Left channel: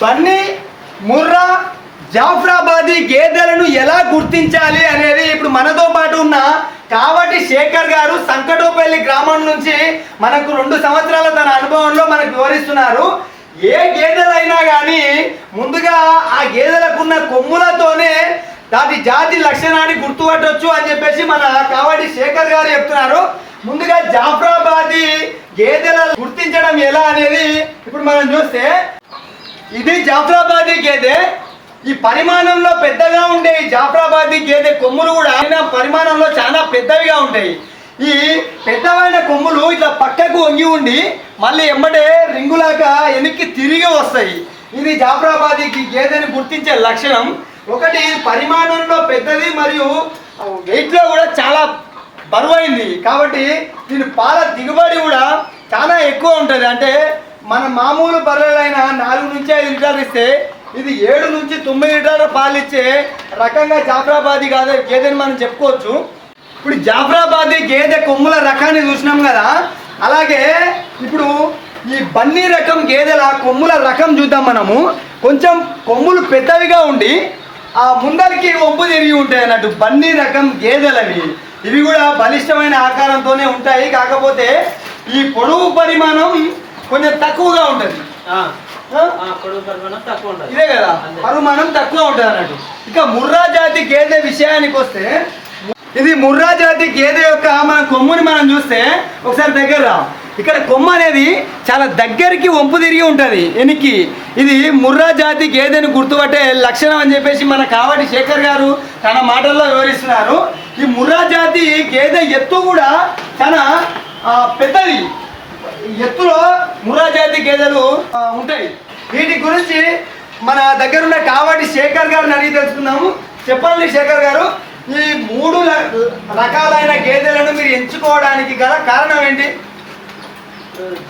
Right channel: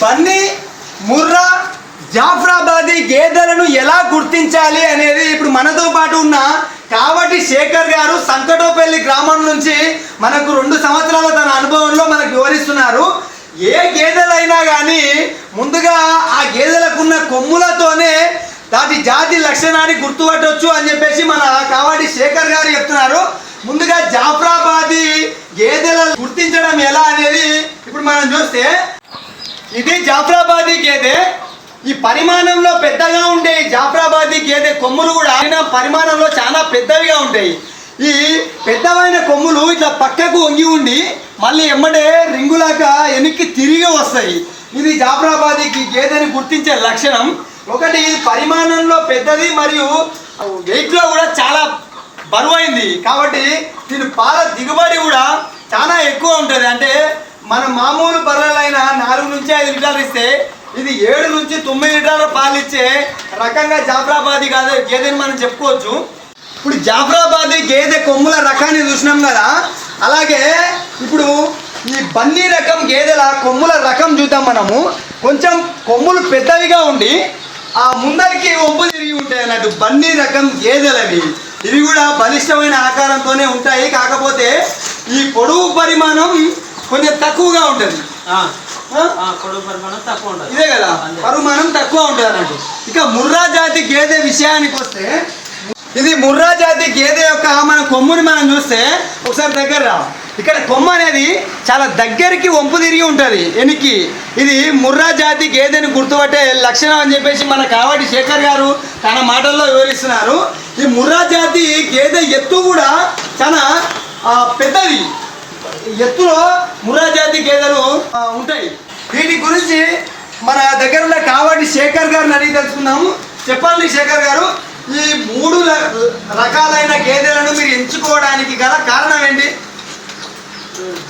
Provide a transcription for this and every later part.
బన్నీ, ముర్రా, జాఫ్రాబాదీ గేదెలను ఎలా గుర్తించాలి అనేది ఇప్పుడు మనతో పాటు ఉన్న కావటి శేఖర్ గారు సంకటోపల్లి గ్రామం నుంచి మనకు 2 సంవత్సరాల తన అనుభవంలో మనకు వివరిస్తున్నారు. ఏ గేదెలైనా కానీ ముందుగా ఆ గేదెలకున్న కొమ్ములతోనే దాని జాతి లక్షణాన్ని గుర్తుపట్టవచ్చు అని చెప్పేసి మన కావటి శేఖర్ గారు చెప్తున్నారు. ముందుగా జాఫ్రాబాదీ గేదెలను గుర్తించడం ఎలా అనేది ఇప్పుడు మనం చూస్తే, ఇది జాఫ్రాబాదీ గేదె. ఈ పరిమాణంలో పెద్దగా ఉండే ఈ జాఫ్రాబాదీ గేదె కొమ్ములు కూడా ఆయన పరిమాణంలో చాలా పెద్దవిగా ఉంటాయి. ఈ పెద్దవైన కొమ్ములు ఇట్లా పక్కకు వంగి ఉండి మళ్ళీ ఎమ్మడే రింగులాగా వెనక్కి తిరిగి వస్తాయి. ఇది జాఫ్రాబాదీ గేదెని గుర్తించే లక్షణం. ఒకటి, పరిమాణంలో పెద్దది మరియు వెయిట్లో కూడా చాలా బరువైంది కాబట్టి దీని పాల దిగుబడి కూడా చాలా ఎక్కువ ఉంటుంది. అంటే మన మామూలు బర్రెలైన 4 నుంచి 5 లీటర్లు ఇస్తే ఇది 7 నుంచి 9 లీటర్ల పాలు ఇచ్చే రకంగా జాఫ్రాబాదీ గేదెని మనం చెప్పుకోవచ్చు. ఇప్పుడు జాఫ్రాబాదీ గేదె కొమ్ముల రకాన్ని చూసినాం కదా, అలాగే ఇప్పుడు ఈ బన్నీ రకం గేదెల కొమ్ముల రకం చూద్దాం మనము. కొంచెం కొమ్ములు పెద్దవిగా ఉండి ఆ ముందరికి ఒంపు తిరిగి ఉంటాయి అన్నట్టు బన్నీ రకం గేదెలవి. ఇవి కూడా బలిష్టమైన ఆకారంతోనే ఉంటాయి, కాకపోతే ఈ పొడవు పరిమాణం కొంచెం తక్కువగా ఉంటుంది. ఇదే కదా, పరిమాణం తక్కువ ఉంటుంది అన్నట్టు. ఇక ముర్రా జాతి గేదె విషయానికి వస్తే, ఇది ముర్రా జాతి గేదె యొక్క మన కొమ్ముని మనం చూస్తే ఒకసారి దగ్గర ఇక్కడ కొమ్ము అనేది చాలా దగ్గరికి వంపు తిరిగి ఉంటుంది వెనక్కి. ఇది ముర్రా జాతి గేదెని గుర్తుపట్టే లక్షణం అని చెప్పేసి మన కావటి శేఖర్ గారు తన మాటల్లో వివరిస్తున్నారు. ఈ ముర్రా జాతి గేదె ఎత్తు కూడా చాలా పెద్దది. ఎత్తులో ముర్రా జాతి గేదెలు ఉంటాయి. వీటి గురించి మన దగ్గర ఉన్న కావటి శేఖర్ గారిని అడిగి తెలుసుకుందాము. చెప్పండి శేఖర్ గారు, ఈ 3 రకాలైన గేదెలను మీరు ఎంచుకోవడానికి గల కారణం ఏంటి?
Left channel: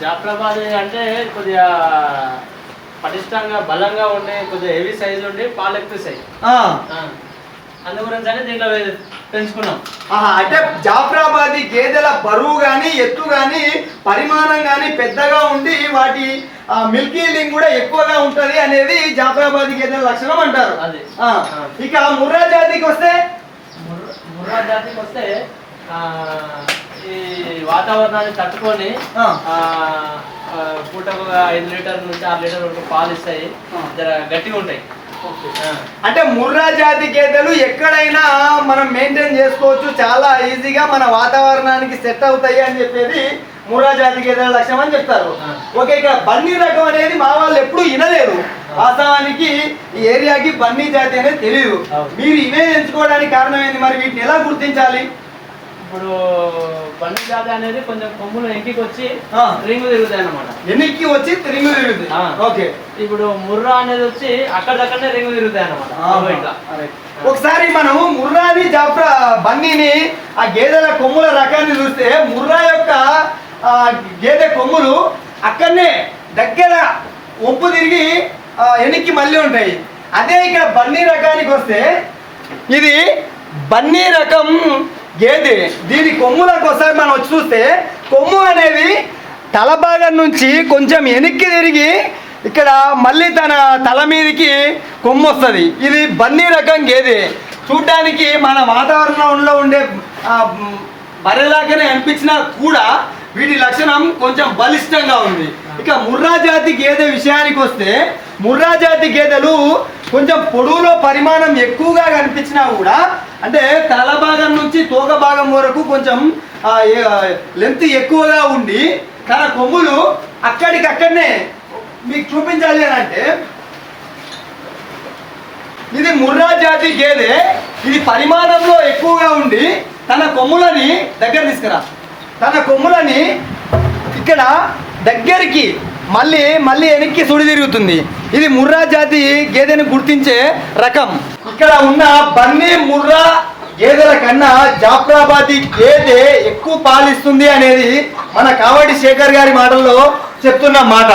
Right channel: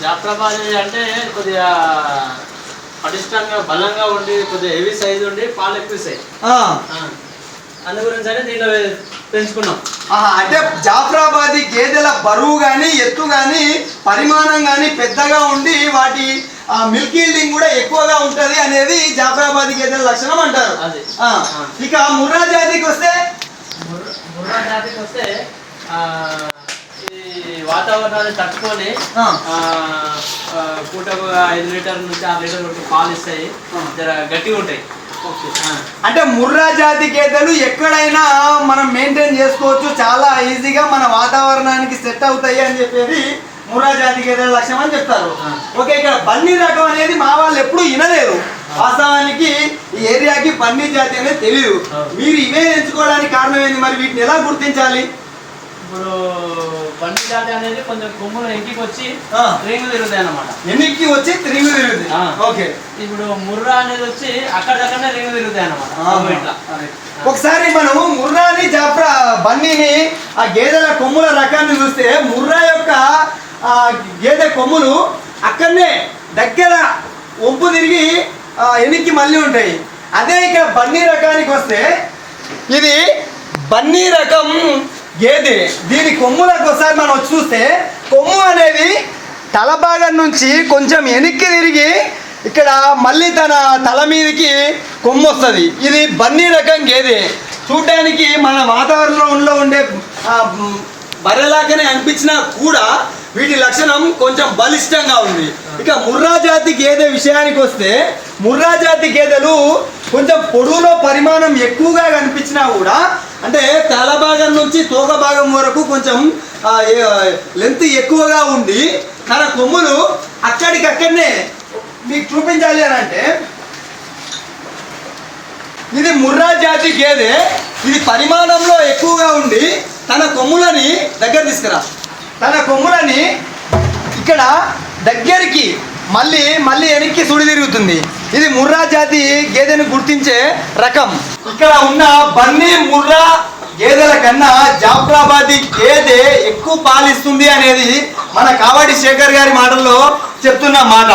జాఫ్రాబాదీ అంటే కొద్దిగా పటిష్టంగా బలంగా ఉండి కొద్దిగా హెవీ సైజు ఉండి పాలు ఎక్కువ ఇస్తాయి. అందు గురించి అని దీంట్లో పెంచుకున్నాం. అంటే జాఫ్రాబాదీ గేదెల బరువు కానీ ఎత్తు కానీ పరిమాణం కానీ పెద్దగా ఉండి వాటి మిల్క్ ఈల్డింగ్ కూడా ఎక్కువగా ఉంటుంది అనేది జాఫ్రాబాదీ గేదెల లక్షణం అంటారు. ఇక ముర్రా జాతికి వస్తే, ముర్రా జాతికి వస్తే ఈ వాతావరణాన్ని తట్టుకొని పూటకు 5 లీటర్ల నుంచి 6 లీటర్ల వరకు పాలు ఇస్తాయి, జర గట్టిగా ఉంటాయి. అంటే ముర్రా జాతి గేదెలు ఎక్కడైనా మనం మెయింటైన్ చేసుకోవచ్చు, చాలా ఈజీగా మన వాతావరణానికి సెట్ అవుతాయి అని చెప్పేది ముర్రా జాతి గేదెల లక్ష్యం అని చెప్తారు. ఓకే, ఇక్కడ బన్నీ రకం అనేది మా వాళ్ళు ఎప్పుడు వినలేదు. వాస్తవానికి ఈ ఏరియాకి బన్నీ జాతి అనేది తెలియదు. మీరు ఇవే ఎంచుకోవడానికి కారణం ఏంది? మరి వీటిని ఎలా గుర్తించాలి? ఇప్పుడు బన్నీ జాతి అనేది కొంచెం కొమ్ములు ఎన్నికి వచ్చి రింగు తిరుగుతాయి అన్నమాట. ఎన్నికి వచ్చి రింగు తిరుగుతాయి. ఓకే, ఇప్పుడు ముర్రా అనేది వచ్చి అక్కడక్కడనే రింగు తిరుగుతాయి అన్నమాట. ఒకసారి మనం ముర్రాని బన్నీని ఆ గేదెల కొమ్ముల రకాన్ని చూస్తే, ముర్రా యొక్క గేదె కొమ్ములు అక్కడనే దగ్గర ఒప్పు తిరిగి ఎన్నికి మళ్ళీ ఉంటాయి. అదే ఇక్కడ బన్నీ రకానికి వస్తే, ఇది బన్నీ రకం గేదె. దీని కొమ్ములకు ఒకసారి మనం వచ్చి చూస్తే, కొమ్ము అనేది తల భాగం నుంచి కొంచెం వెనక్కి తిరిగి ఇక్కడ మళ్ళీ తన తల మీదకి కొమ్ము వస్తుంది. ఇది బన్నీ రకం గేదె. చూడడానికి మన వాతావరణంలో ఉండే బర్రెలాగానే అనిపించినా కూడా వీటి లక్షణం కొంచెం బలిష్టంగా ఉంది. ఇక ముర్రా జాతి గేదె విషయానికి వస్తే, ముర్రా జాతి గేదెలు కొంచెం పొడవులో పరిమాణం ఎక్కువగా కనిపించినా కూడా, అంటే తల భాగం నుంచి తోక భాగం వరకు కొంచెం లెంత్ ఎక్కువగా ఉండి తన కొమ్ములు అక్కడికక్కడనే మీకు చూపించాలి అని అంటే, ఇది ముర్రా జాతి గేదె. ఇది పరిమాణంలో ఎక్కువగా ఉండి తన కొమ్ములని దగ్గర తీసుకురా, తన కొమ్ములని ఇక్కడ దగ్గరికి మళ్ళీ వెనక్కి సుడి తిరుగుతుంది. ఇది ముర్రా జాతి గేదెని గుర్తించే రకం. ఇక్కడ ఉన్న బన్నీ ముర్రా గేదెల కన్నా జాఫ్రాబాదీ గేదె ఎక్కువ పాలిస్తుంది అనేది మన కావటి శేఖర్ గారి మాటల్లో చెప్తున్న మాట.